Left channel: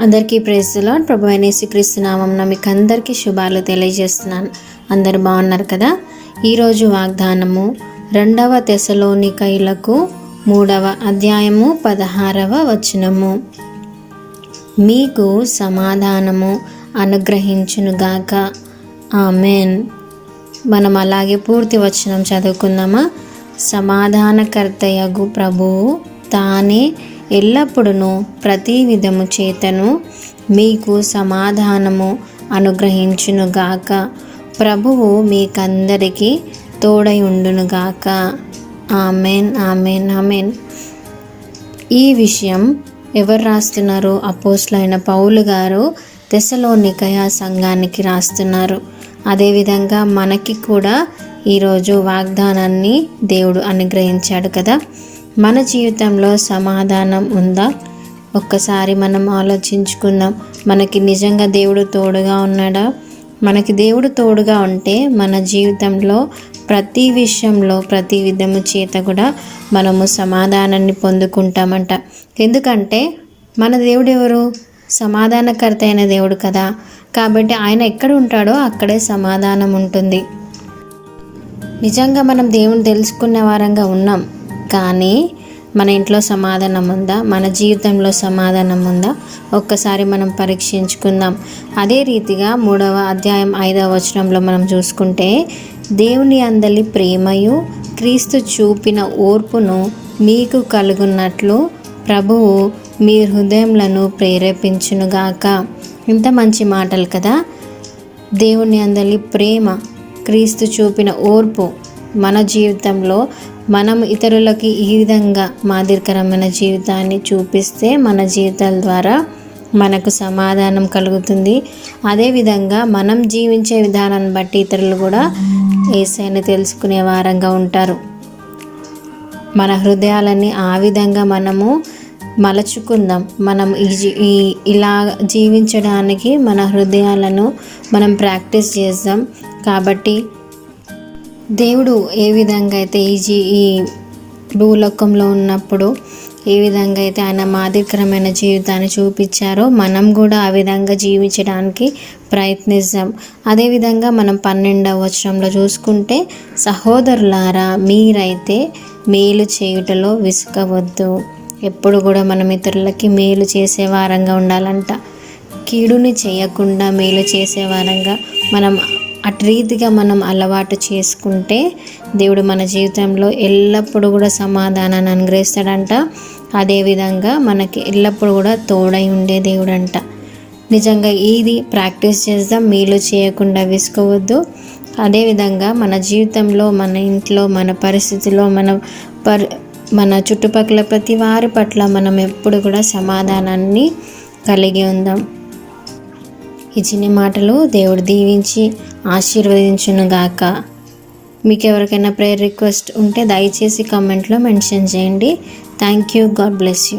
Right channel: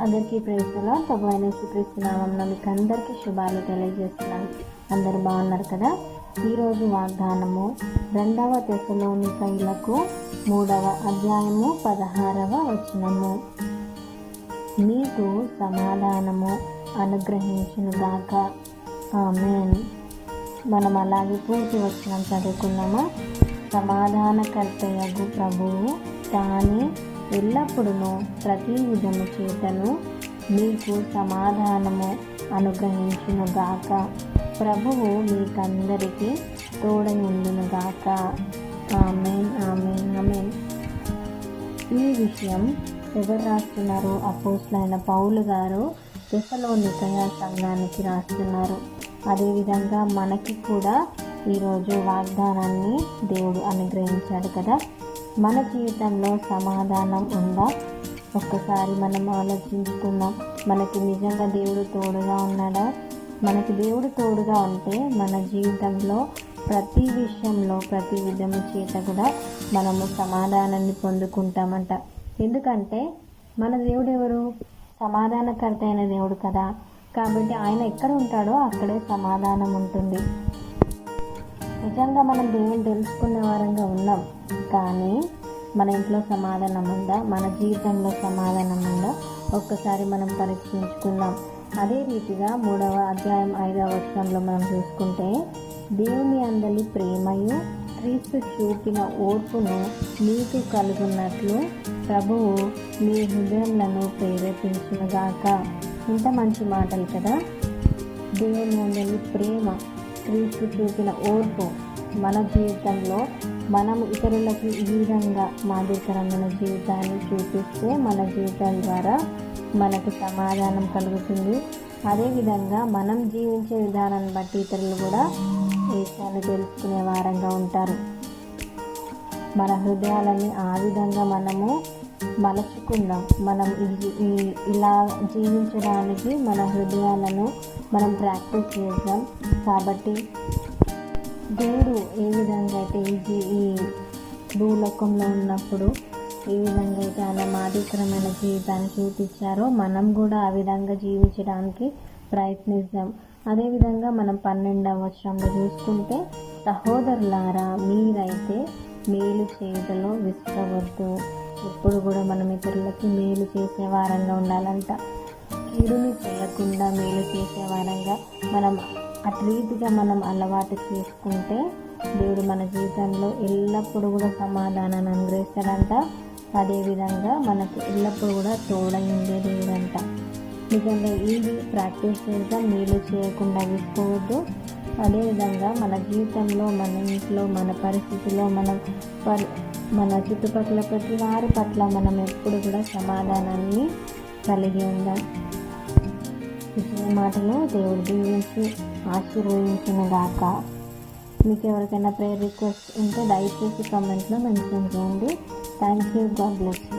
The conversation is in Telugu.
అందరికీ ప్రైజ్ ది లార్డ్. ప్రభువైన యేసుక్రీస్తు నామమున మీకు అందరికీ శుభాలు తెలియజేస్తున్నాను. అందరు బాగున్నారు కదా? ఈరోజు వాగ్దానము 2వ తెస్సలోనికయులకు 3వ అధ్యాయము 16వ వచనము. మీకు సమాధానము అనుగ్రహించునుగాక. ఆమెన్. మనం అలాగే పూర్తి వచనం చదువుకుందామా? సమాధానకర్తయగు ప్రభువు తానే ఎల్లప్పుడూ ప్రతి విధము చేతను మీకు సమాధానము అనుగ్రహించునుగాక. ప్రభువు మీకందరికీ తోడై ఉండునుగాక. Amen, amen, amen. ఈ విషయం ఎవరు రాస్తున్నారు? అపోస్తలుడైన పౌలు గారు తెస్సలోనికయ సంఘానికి రాస్తున్నారు. అదేవిధంగా మనకి కూడా ఈరోజు వాగ్దానాన్ని దేవుడు అనుగ్రహించాడు కదా. మన జీవితంలో సమాధానం ఉందా? ఒక్కసారి మనం ఆలోచించుకుందాం. మనకి నిజంగా దేవుడు తోడుగా ఉన్నాడా? మనకి దేవుడు తోడుగా ఉంటే మన జీవితంలో ప్రతి విషయంలో ప్రతి విధము చేత కూడా మనము సమాధానాన్ని పొందుకుంటామంట. ఎందుకంటే మన దేవుడు ఎవరు? సమాధానకర్త అయిన దేవుడు కదా. కాబట్టి ఆయన ఎక్కడ ఉంటాడో అక్కడే సమాధానం ఉంటుంది. నిజంగా మనం దేవుని తెలుసుకునే వారంగా ఉన్నాం, కానీ మన ఇంట్లో సమాధానం ఉందా? మన జీవితంలో సమాధానం ఉందా? ఒక్కసారి మనం పరీక్షించుకుందాం. అదే రీతిగా 3వ అధ్యాయం 5వ వచనంలో మనం చూసుకుంటే, దేవుని అందలి ప్రేమయు క్రీస్తు చూపిన ఓర్పును మీకు కలుగున్నట్లు ప్రభువు మీ హృదయములను ప్రేరేపించునుగాక. ఇంత మంచి మాటలు కదా. దేవుని అందలి ప్రేమ, క్రీస్తు చూపిన ఓర్పు మన జీవితంలో మనం ఇతరులకి ఈ విధంగా మాదిరికరమైన జీవితాన్ని చూపిస్తే మన జీవితాల ద్వారా మనకు సమాధానం కలుగుతుంది. అదేవిధంగా మనం జీవించే విధానాన్ని బట్టి ఇతరులు కూడా యేసయ్యను తెలుసుకునే వారంగా ఉంటారు. మన హృదయాలని ఆ విధంగా మనము మలచుకుందాం. మనం ఇలా జీవించడానికి మన హృదయాలను మనం ప్రాక్టీస్ చేద్దాం. కాబట్టి దేవుడు ఏ విధంగా అయితే ఈ భూలోకంలో ఉన్నప్పుడు ఏ విధంగా అయితే ఆయన మాదిరికరమైన జీవితాన్ని చూపించారో మనం కూడా ఆ విధంగా జీవించడానికి ప్రయత్నిద్దాం. అదేవిధంగా మనం 12వ వచనంలో చూసుకుంటే, సహోదరులారా మీరైతే మేలు చేయుటలో విసుకవద్దు. ఎప్పుడు కూడా మనం ఇతరులకి మేలు చేసే వారంగా ఉండాలంట. కీడుని చేయకుండా మేలు చేసే వారంగా మనం అటు రీతిగా మనం అలవాటు చేసుకుంటే దేవుడు మన జీవితంలో ఎల్లప్పుడూ కూడా సమాధానాన్ని అనుగ్రహిస్తాడంట. అదేవిధంగా మనకి ఎల్లప్పుడూ కూడా తోడై ఉండే దేవుడు అంట. నిజంగా ఇది ప్రాక్టీస్ చేద్దాం. మేలు చేయకుండా విసుకోవద్దు. అదేవిధంగా మన జీవితంలో, మన ఇంట్లో, మన పరిస్థితిలో, మన చుట్టుపక్కల ప్రతి వారి పట్ల మనం ఎప్పుడు కూడా సమాధానాన్ని కలిగి ఉందాం. ఈ చిన్ని మాటలు దేవుడు దీవించి ఆశీర్వదించునుగాక. మీకు ఎవరికైనా ప్రేయర్ రిక్వెస్ట్ ఉంటే దయచేసి కామెంట్లో మెన్షన్ చేయండి. Thank you. God bless you.